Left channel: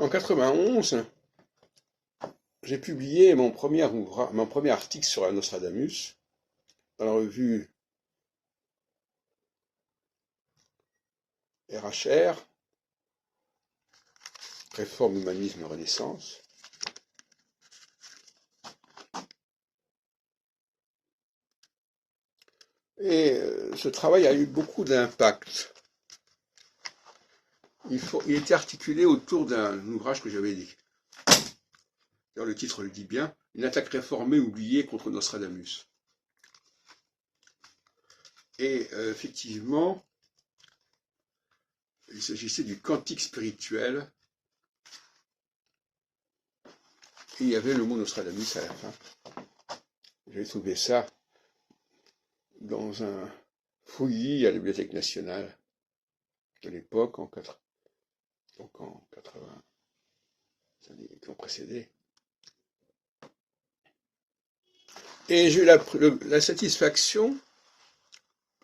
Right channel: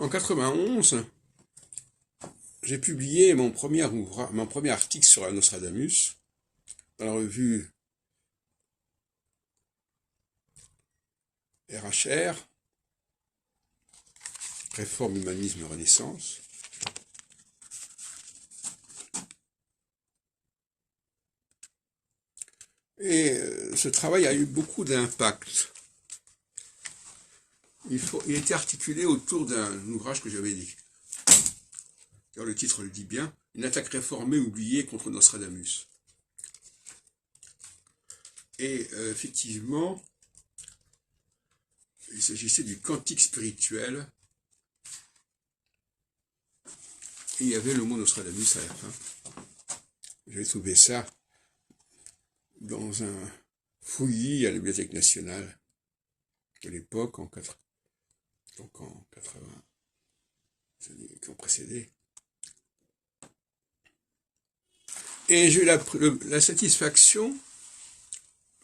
En 91, j'ai publié mon premier article sur la Nostradamus dans la revue RHR, Réforme, Humanisme et Renaissance. Et ce travail a eu beaucoup d'impact. Il était articulé autour d'un ouvrage que j'avais dit. D'ailleurs, le titre le dit bien, Une attaque réformée oubliée contre Nostradamus. Et effectivement, il s'agissait du cantique spirituel. Et il y avait le mot Nostradamus à la fin. J'ai trouvé ça dans un fouillis à la Bibliothèque nationale de l'époque, en 80, les années qui ont précédé. Et j'ai eu la satisfaction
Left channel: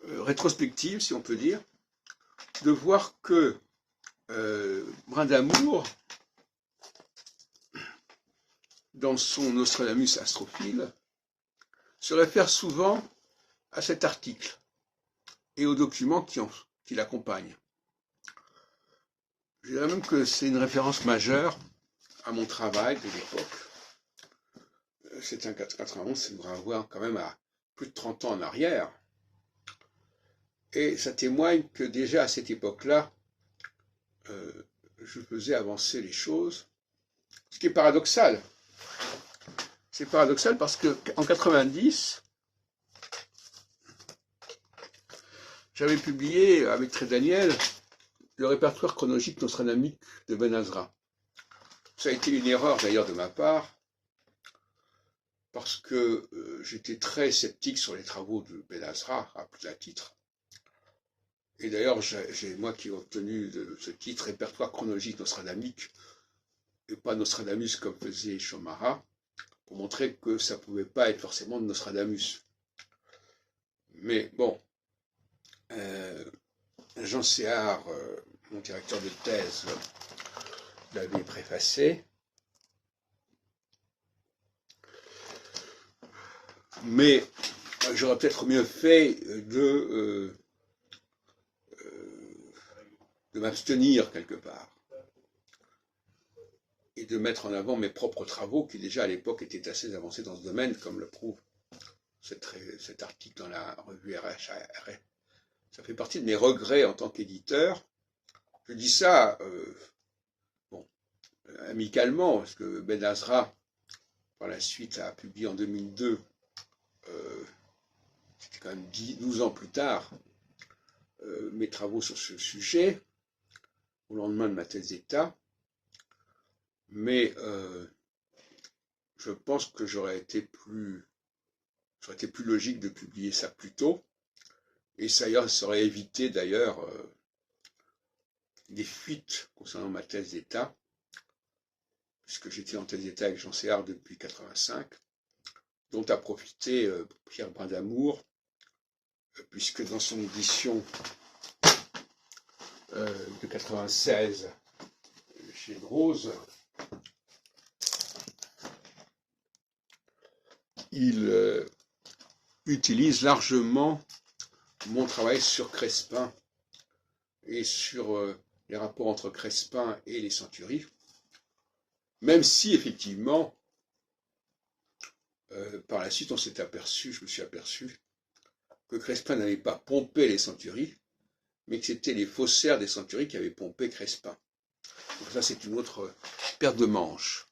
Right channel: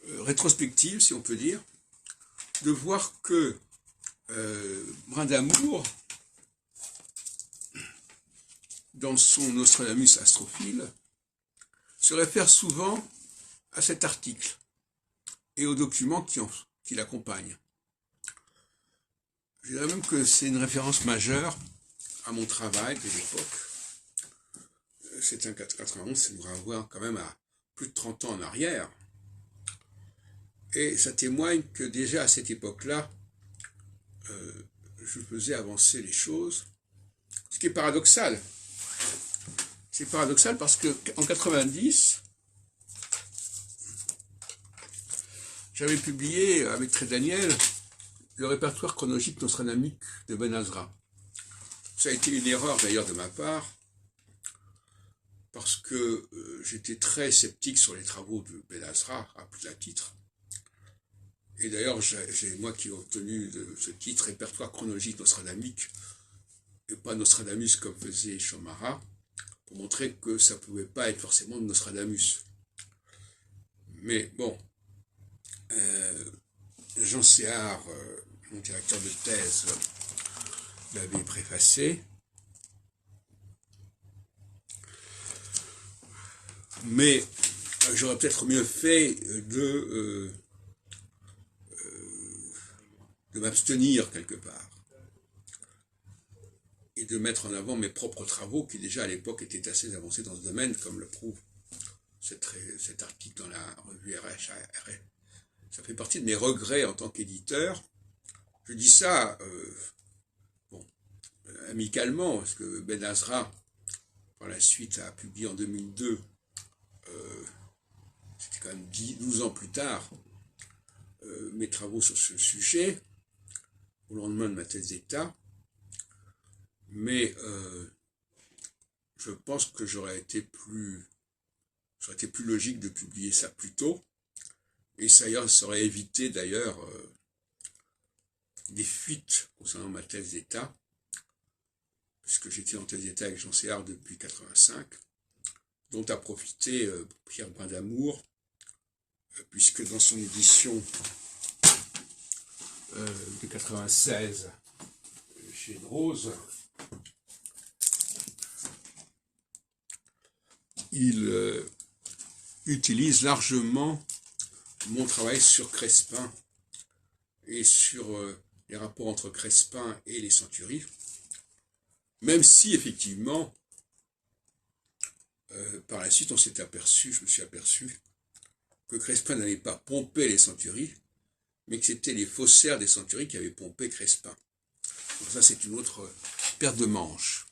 rétrospective, si on peut dire, de voir que Brindamour, dans son Nostradamus astrophile, se réfère souvent à cet article et aux documents qui l'accompagnent. Je dirais même que c'est une référence majeure à mon travail de l'époque. C'est un 91, ça nous renvoie quand même à plus de 30 ans en arrière. Et ça témoigne que déjà à cette époque-là, je faisais avancer les choses. Ce qui est paradoxal. C'est paradoxal parce qu'en 90, j'avais publié avec Trédaniel le répertoire chronologique nostradamique de Ben Azra. Ça a été une erreur d'ailleurs de ma part, parce que j'étais très sceptique sur les travaux de Ben Azra, à plus d'un titre. Et d'ailleurs, j'ai moi qui ai obtenu ce titre, répertoire chronologique nostradamique, et pas Nostradamus comme faisait Chomara, pour montrer que ça ne pouvait pas être forcément de Nostradamus. Mais bon, Jean Séard, mon directeur de thèse, l'avait préfacé. Mais j'aurais peut-être mieux fait de m'abstenir quelque part et de mettre en avant mes propres travaux qui déjà à l'époque étaient assez avancés dans ce domaine, comme le prouve cet article dans la revue RH. Ça fait partie de mes regrets en tant qu'éditeur. Je dis ça amicalement, parce que Ben Azra, par la suite, a publié en 2002, c'était quand même 12 ans plus tard, mes travaux sur ce sujet, au lendemain de ma thèse d'État. Mais je pense que j'aurais été plus logique de publier ça plus tôt, et ça aurait évité d'ailleurs des fuites concernant ma thèse d'État, puisque j'étais en thèse d'État avec Jean Séard depuis 1985, dont a profité Pierre Brindamour, puisque dans son édition de 1996 chez Rose, il utilise largement mon travail sur Crespin et sur les rapports entre Crespin et les centuries, même si effectivement par la suite je me suis aperçu que Crespin n'avait pas pompé les centuries, mais que c'était les faussaires des centuries qui avaient pompé Crespin. Donc ça, c'est une autre paire de manches.